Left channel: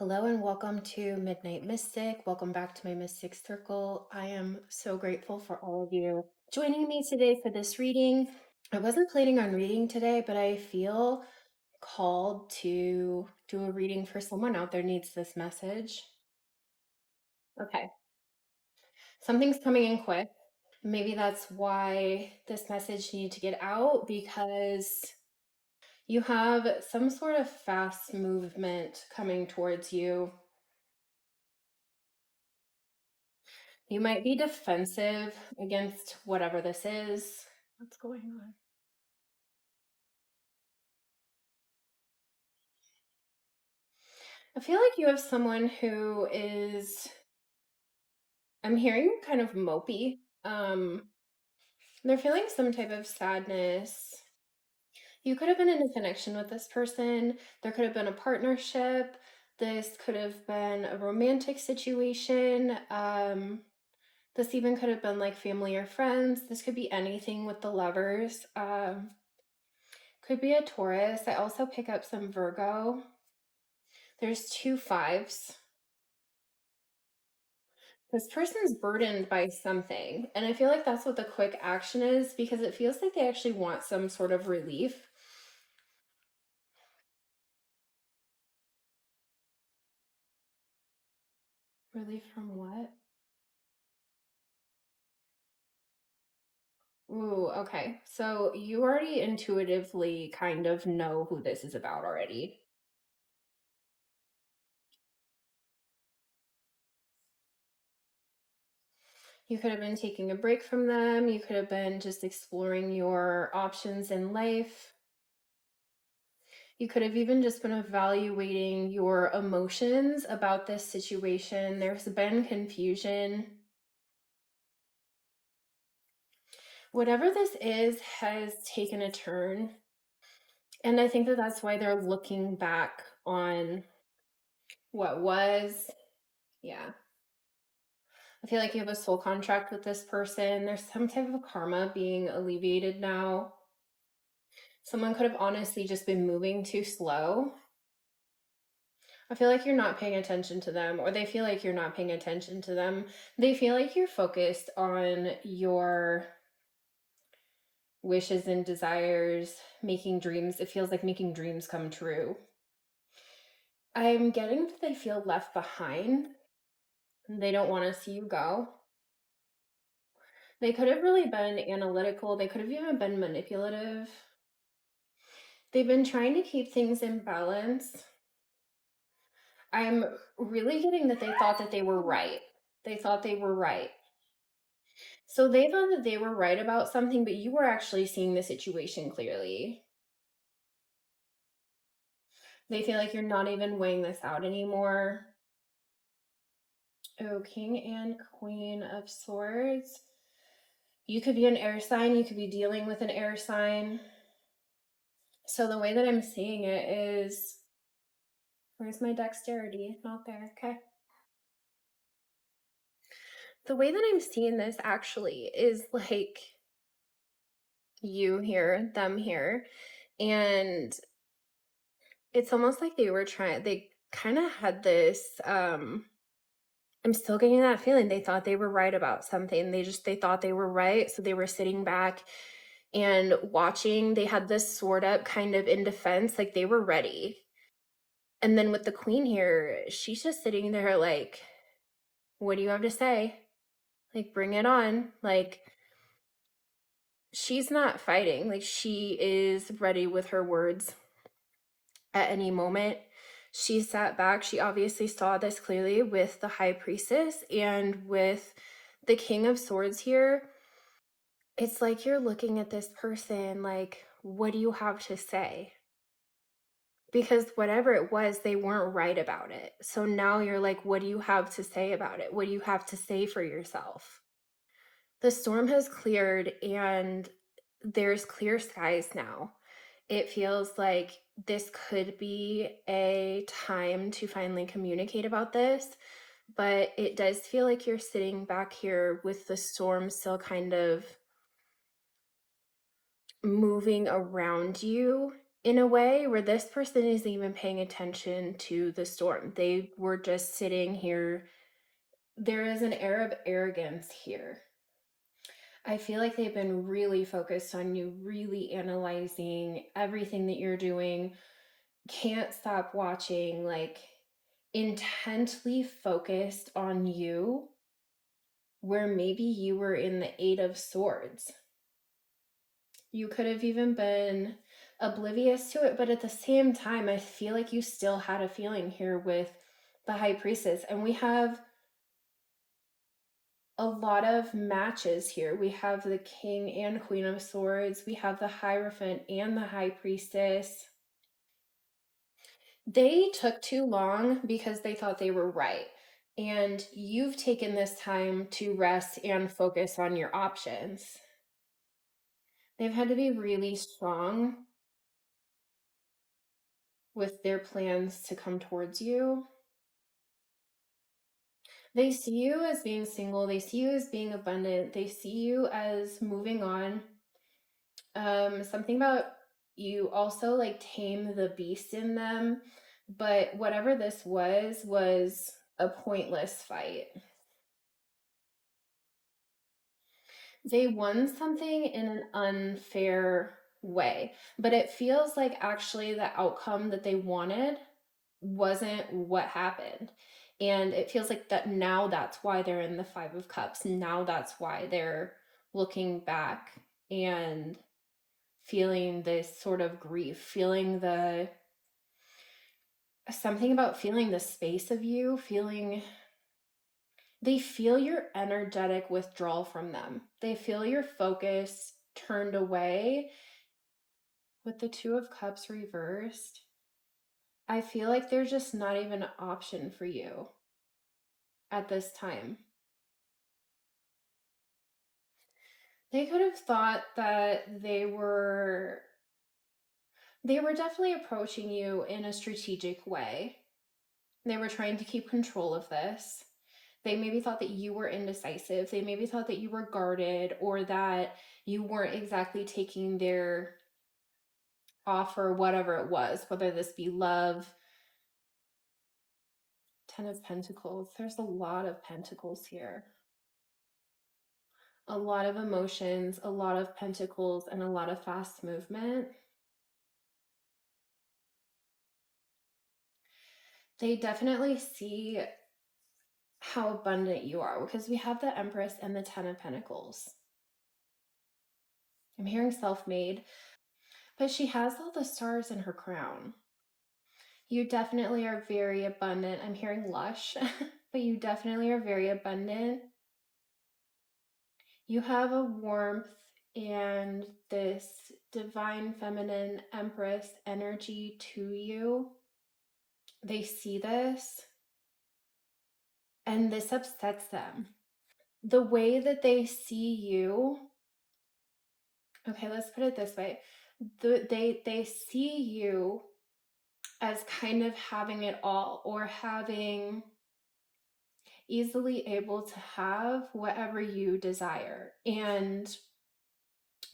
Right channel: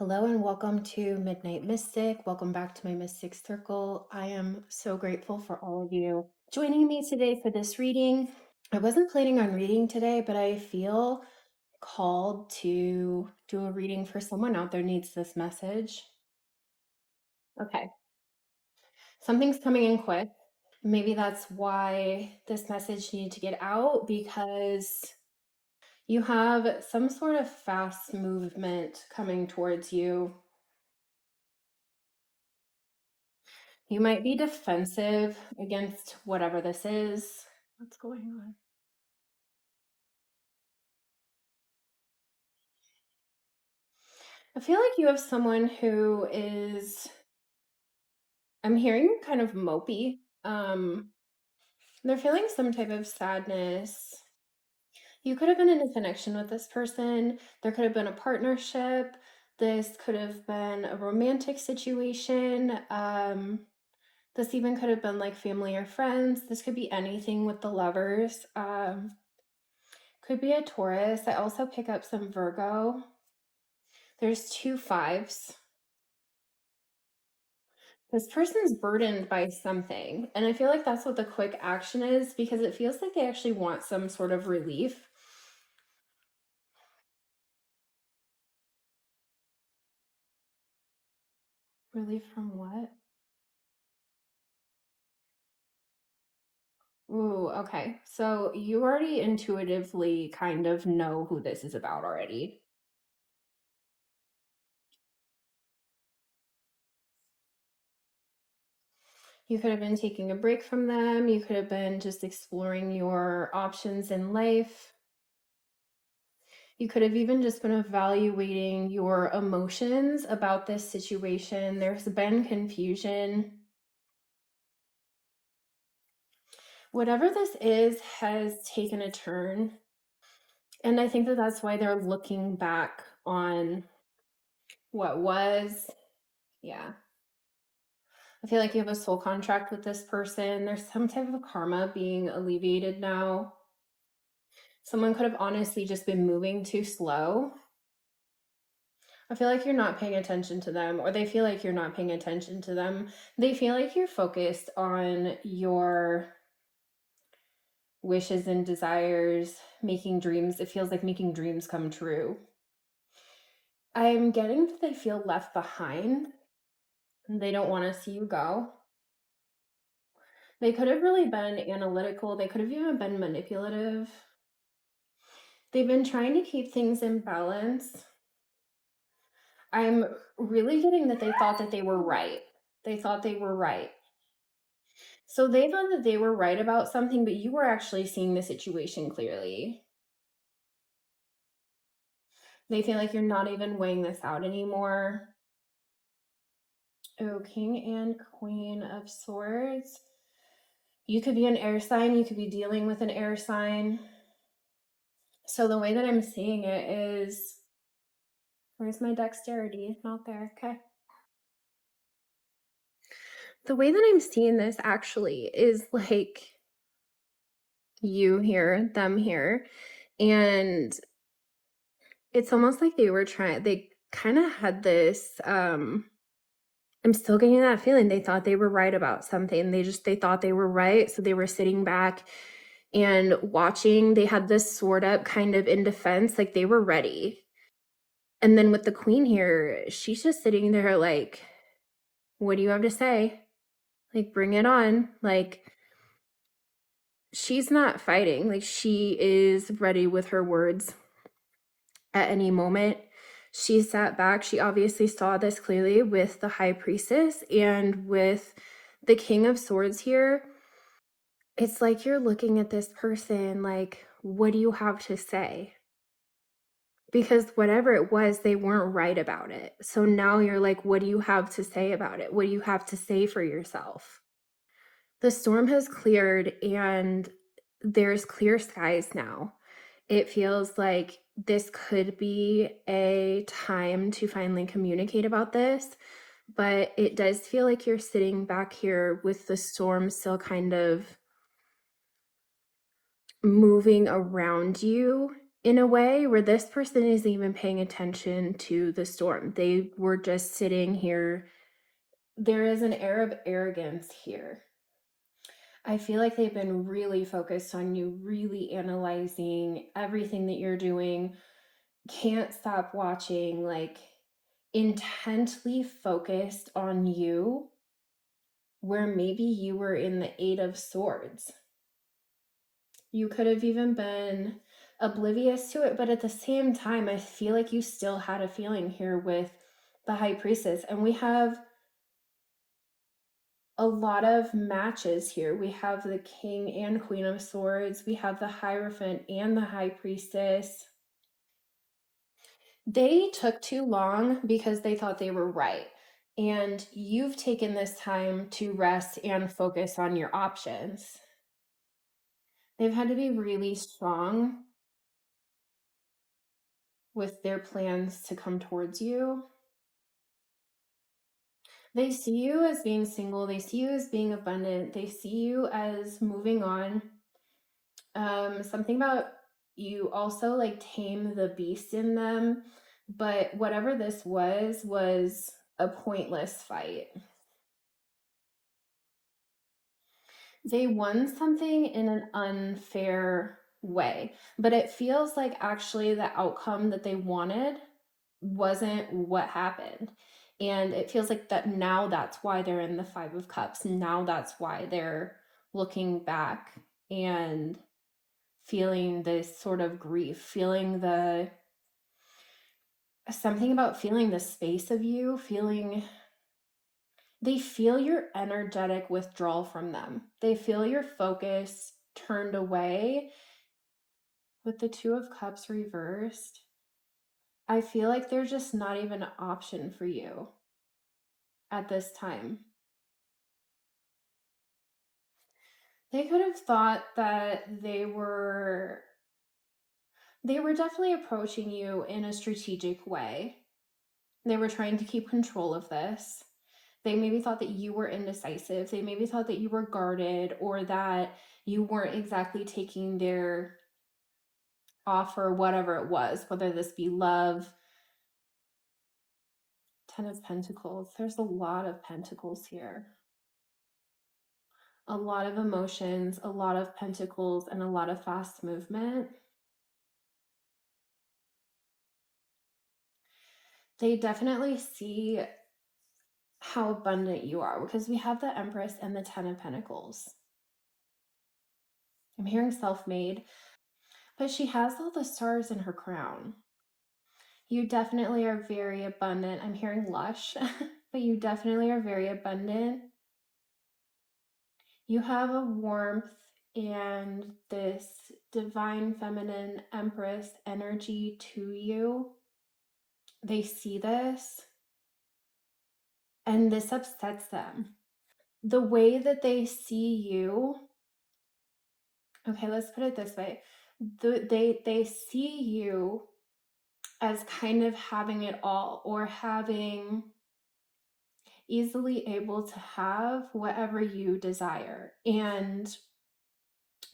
Hello and welcome to Midnight Mystic. Welcome back to my Mystic Circle. I am so grateful for all of you joining me today for this reading. I wasn't planning on reading today, but I feel called to do a reading for someone out there needs this message. Okay. Something's coming in quick. Maybe that's why this message needed to get out, because you have some sort of fast movement coming towards you. You might be defensive against whatever this is. What's going on? I feel like you have someone who is, I'm hearing kind of mopey. They're feeling some type of sadness. You could have been in a connection with this person. There could have been a partnership. This could have been a romantic situation. This even could have been like family or friends. This could be anything with the lovers. Could be a Taurus. I also pick up some Virgo. There's 2 5s. This person's burdened by something. And I feel like that's what the quick action is, because it feels like they actually want some sort of relief. Relief from what? Ooh, okay. So you already intuitively kind of know who this is about already. You could have been taking a break from them. You could have been just exploring your options in life. You could have even just been evaluating your emotions about this situation. There's been confusion. Whatever this is has taken a turn. And I think that that's why they're looking back on what was. Yeah. I feel like you have a soul contract with this person. There's some type of karma being alleviated now. Someone could have honestly just been moving too slow. I feel like you're not paying attention to them, or they feel like you're not paying attention to them. They feel like you're focused on your wishes and desires, making dreams. It feels like making dreams come true. I'm getting that they feel left behind. They don't want to see you go. They could have really been analytical. They could have even been manipulative. They've been trying to keep things in balance. I'm really getting that they thought that they were right. They thought they were right. So they thought that they were right about something, but you were actually seeing the situation clearly. They feel like you're not even weighing this out anymore. Oh, King and Queen of Swords. You could be an air sign. You could be dealing with an air sign. So the way that I'm seeing it is, where's my dexterity? Not there. Okay. The way that I'm seeing this actually is like you here, them here. And it's almost like they kind of had this, I'm still getting that feeling. They thought they were right about something. They thought they were right. So they were sitting back and watching. They had this sword up kind of in defense, like they were ready. And then with the queen here, she's just sitting there like, what do you have to say? Like, bring it on. Like, she's not fighting. Like, she is ready with her words at any moment. She sat back. She obviously saw this clearly with the high priestess and with the king of swords here. It's like you're looking at this person like, what do you have to say? Because whatever it was, they weren't right about it. So now you're like, what do you have to say about it? What do you have to say for yourself? The storm has cleared and there's clear skies now. It feels like this could be a time to finally communicate about this, but it does feel like you're sitting back here with the storm still kind of moving around you. in a way where this person isn't even paying attention to the storm. They were just sitting here. There is an air of arrogance here. I feel like they've been really focused on you, really analyzing everything that you're doing, can't stop watching, like intently focused on you, where maybe you were in the Eight of Swords. You could have even been oblivious to it, but at the same time, I feel like you still had a feeling here with the High Priestess. And we have a lot of matches here. We have the King and Queen of Swords. We have the Hierophant and the High Priestess. They took too long because they thought they were right. And you've taken this time to rest and focus on your options. They've had to be really strong with their plans to come towards you. They see you as being single. They see you as being abundant. They see you as moving on. Something about you also like tame the beast in them. But whatever this was a pointless fight. They won something in an unfair way, but it feels like actually the outcome that they wanted wasn't what happened. And it feels like that now that's why they're in the Five of Cups. Now that's why they're looking back and feeling this sort of grief, feeling the something about feeling the space of you, feeling they feel your energetic withdrawal from them. They feel your focus turned away. With the Two of Cups reversed, I feel like there's just not even an option for you at this time. They could have thought that they were definitely approaching you in a strategic way. They were trying to keep control of this. They maybe thought that you were indecisive. They maybe thought that you were guarded or that you weren't exactly taking their offer, whatever it was, whether this be love. Ten of Pentacles. There's a lot of pentacles here. A lot of emotions, a lot of pentacles, and a lot of fast movement. They definitely see how abundant you are because we have the Empress and the Ten of Pentacles. I'm hearing self-made, but she has all the stars in her crown. You definitely are very abundant. I'm hearing lush, but you definitely are very abundant. You have a warmth and this divine feminine Empress energy to you. They see this and this upsets them. The way that they see you, okay, let's put it this way. They see you as kind of having it all or having easily able to have whatever you desire. And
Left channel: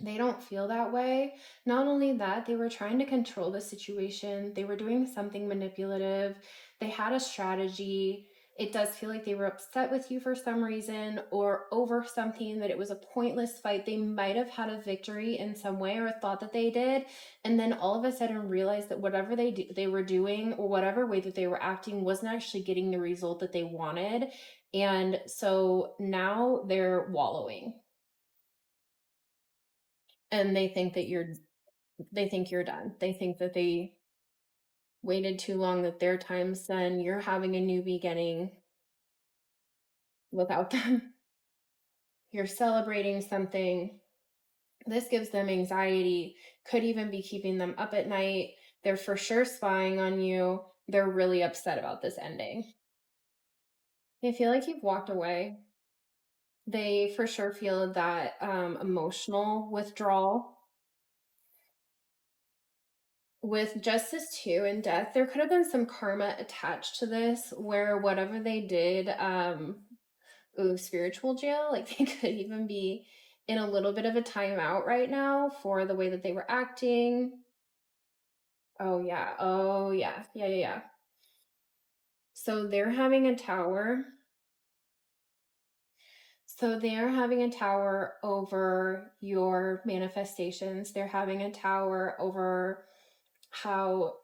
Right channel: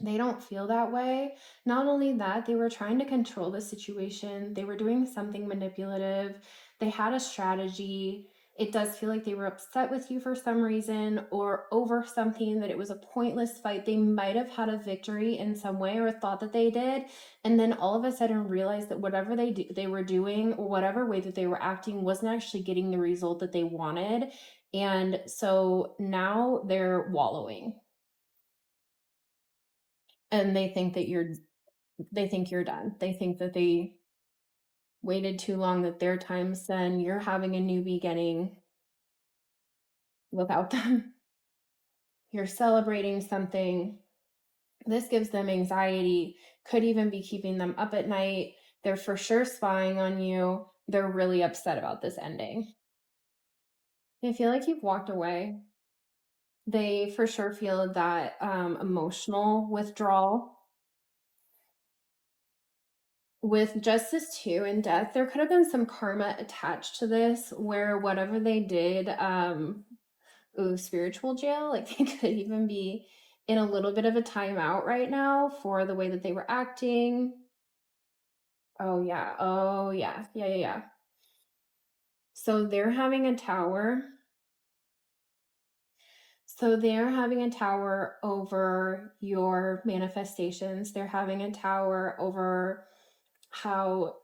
they don't feel that way. Not only that, they were trying to control the situation. They were doing something manipulative. They had a strategy. It does feel like they were upset with you for some reason or over something, that it was a pointless fight. They might have had a victory in some way or thought that they did. And then all of a sudden realized that whatever they were doing or whatever way that they were acting wasn't actually getting the result that they wanted. And so now they're wallowing. And they think that you're done. They think that they waited too long, that their time's done. You're having a new beginning without them. You're celebrating something. This gives them anxiety, could even be keeping them up at night. They're for sure spying on you. They're really upset about this ending. They feel like you've walked away. They for sure feel that emotional withdrawal. With Justice 2 and Death, there could have been some karma attached to this where whatever they did, spiritual jail, like they could even be in a little bit of a timeout right now for the way that they were acting. Oh yeah. Oh yeah. Yeah, yeah, yeah. So they're having a tower. So they're having a tower over your manifestations. They're having a tower over how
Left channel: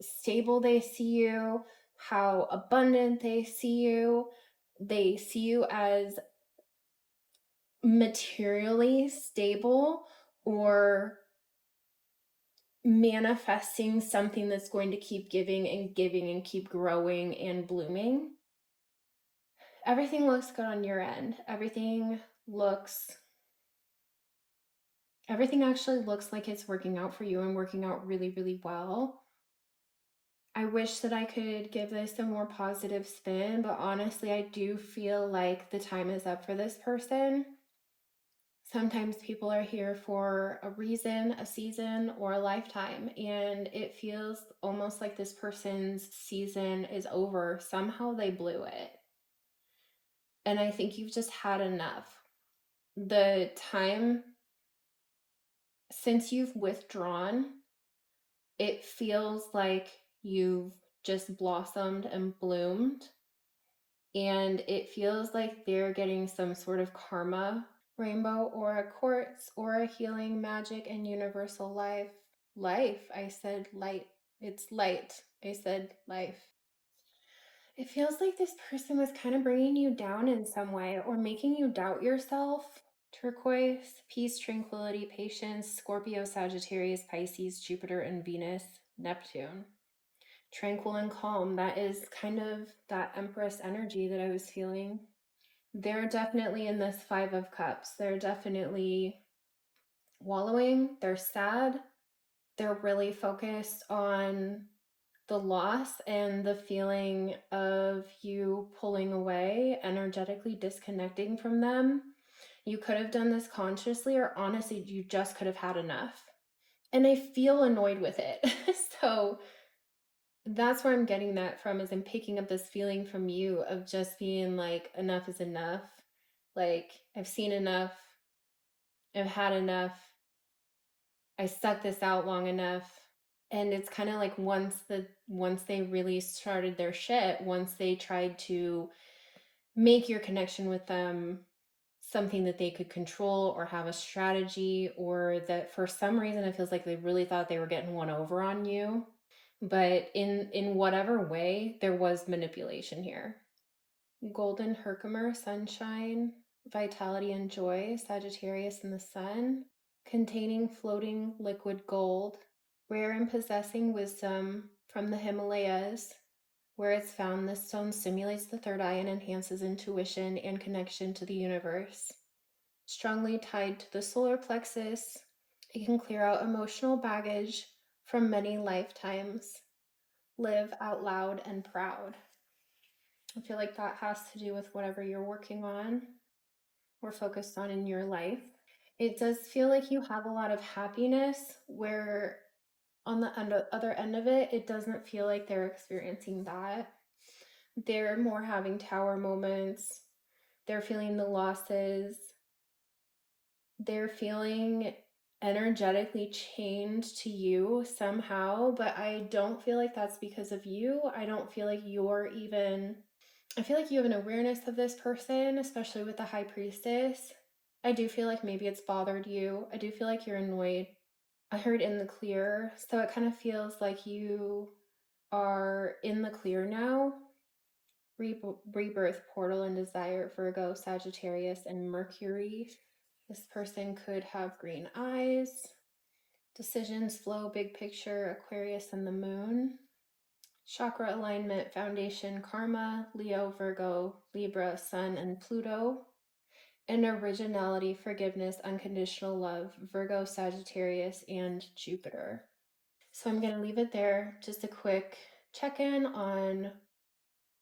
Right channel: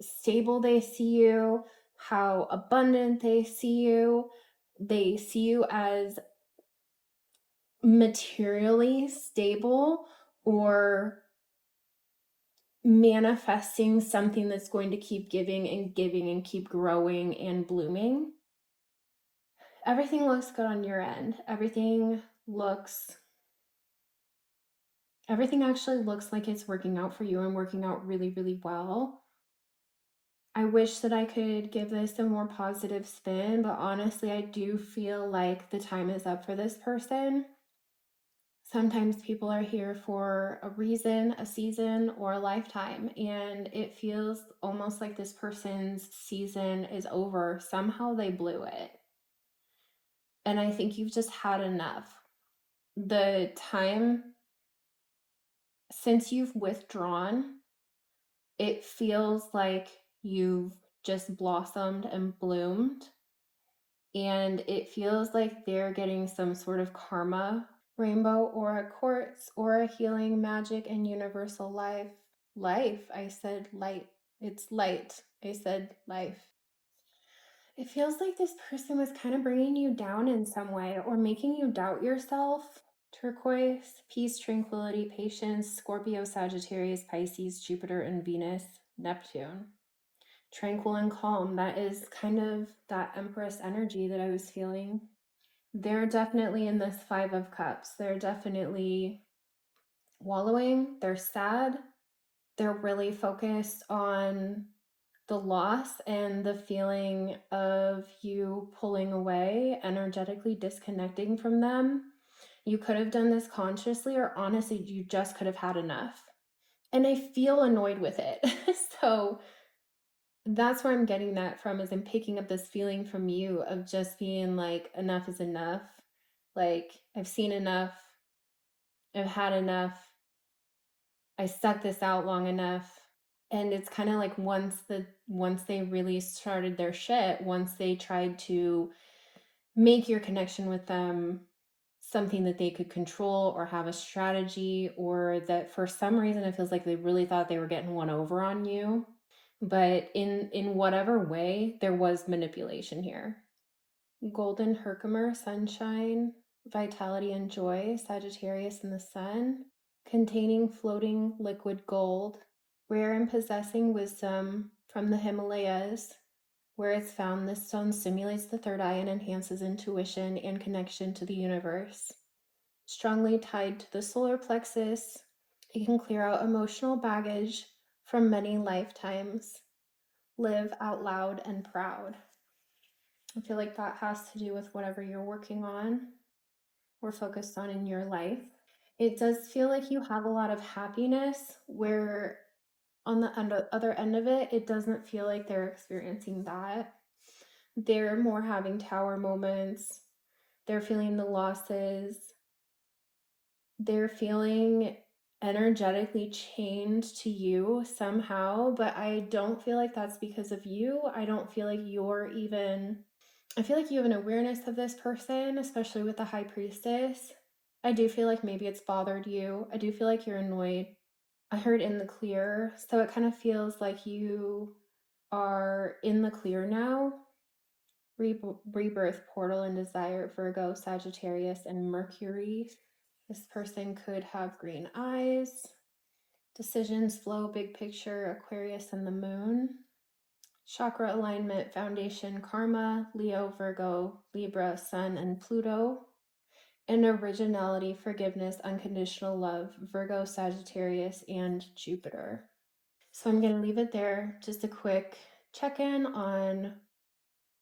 stable they see you, how abundant they see you. They see you as materially stable or manifesting something that's going to keep giving and keep growing and blooming. Everything looks good on your end. Everything actually looks like it's working out for you and working out really, really well. I wish that I could give this a more positive spin, but honestly, I do feel like the time is up for this person. Sometimes people are here for a reason, a season, or a lifetime, and it feels almost like this person's season is over. Somehow they blew it. And I think you've just had enough. The time since you've withdrawn, it feels like you've just blossomed and bloomed. And it feels like they're getting some sort of karma, rainbow or a quartz or a healing magic and universal life. Life, I said light. It's light. I said life. It feels like this person was kind of bringing you down in some way or making you doubt yourself. Turquoise, peace, tranquility, patience, Scorpio, Sagittarius, Pisces, Jupiter, and Venus, Neptune. Tranquil and calm. That is kind of that Empress energy that I was feeling. They're definitely in this Five of Cups. They're definitely wallowing. They're sad. They're really focused on the loss and the feeling of you pulling away, energetically disconnecting from them. You could have done this consciously, or honestly, you just could have had enough. And I feel annoyed with it. So that's where I'm getting that from, is I'm picking up this feeling from you of just being like, enough is enough. Like, I've seen enough. I've had enough. I stuck this out long enough. And it's kind of like once they really started their shit, once they tried to make your connection with them something that they could control or have a strategy, or that for some reason it feels like they really thought they were getting one over on you. But in whatever way, there was manipulation here. Golden Herkimer, sunshine, vitality and joy, Sagittarius in the sun, containing floating liquid gold, rare and possessing wisdom from the Himalayas. Where it's found, this stone stimulates the third eye and enhances intuition and connection to the universe. Strongly tied to the solar plexus, it can clear out emotional baggage from many lifetimes. Live out loud and proud. I feel like that has to do with whatever you're working on or focused on in your life. It does feel like you have a lot of happiness, where on the other end of it, it doesn't feel like they're experiencing that. They're more having tower moments. They're feeling the losses. They're feeling energetically chained to you somehow, but I don't feel like that's because of you. I don't feel like you're even, I feel like you have an awareness of this person, especially with the High Priestess. I do feel like maybe it's bothered you. I do feel like you're annoyed. I heard in the clear, so it kind of feels like you are in the clear now. Rebirth, portal, and desire, Virgo, Sagittarius, and Mercury. This person could have green eyes. Decisions, flow, big picture, Aquarius, and the moon. Chakra alignment, foundation, karma, Leo, Virgo, Libra, Sun, and Pluto. And originality, forgiveness, unconditional love, Virgo, Sagittarius, and Jupiter. So I'm going to leave it there. Just a quick check-in on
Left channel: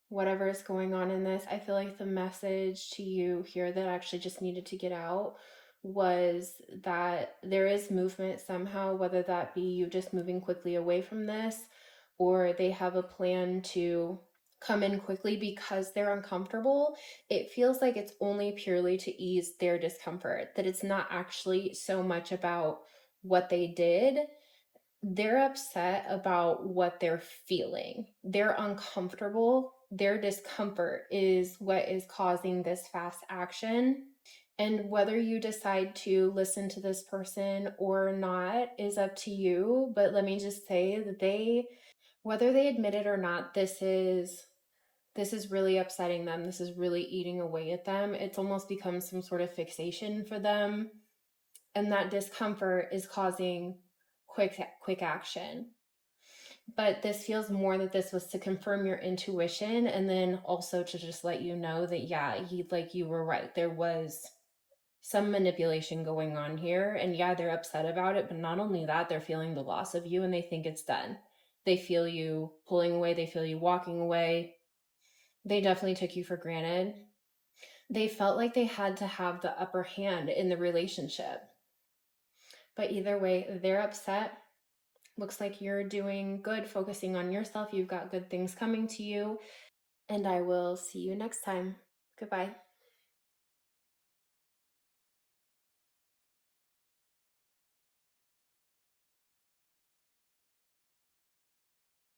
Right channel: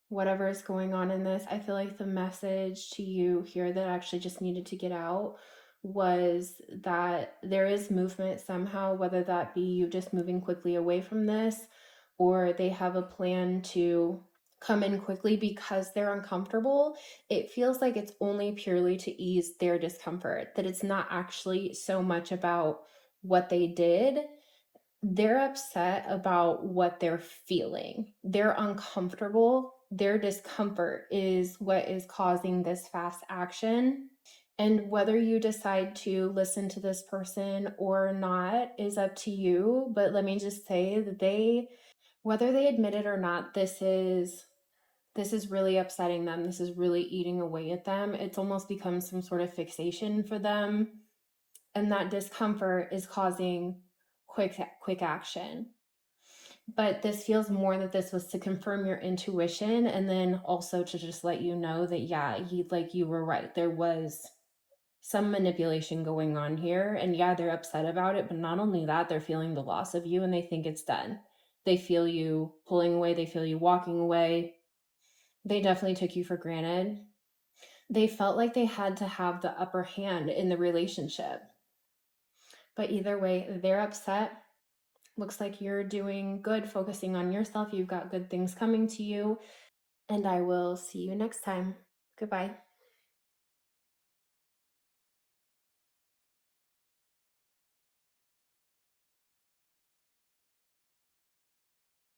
whatever is going on in this. I feel like the message to you here that actually just needed to get out was that there is movement somehow, whether that be you just moving quickly away from this, or they have a plan to come in quickly because they're uncomfortable. It feels like it's only purely to ease their discomfort, that it's not actually so much about what they did. They're upset about what they're feeling. They're uncomfortable. Their discomfort is what is causing this fast action. And whether you decide to listen to this person or not is up to you. But let me just say that whether they admit it or not, this is really upsetting them. This is really eating away at them. It's almost become some sort of fixation for them. And that discomfort is causing quick action. But this feels more that this was to confirm your intuition, and then also to just let you know that, yeah, you were right. There was some manipulation going on here, and yeah, they're upset about it, but not only that, they're feeling the loss of you and they think it's done. They feel you pulling away, they feel you walking away. They definitely took you for granted. They felt like they had to have the upper hand in the relationship. But either way, they're upset. Looks like you're doing good, focusing on yourself. You've got good things coming to you. And I will see you next time. Goodbye.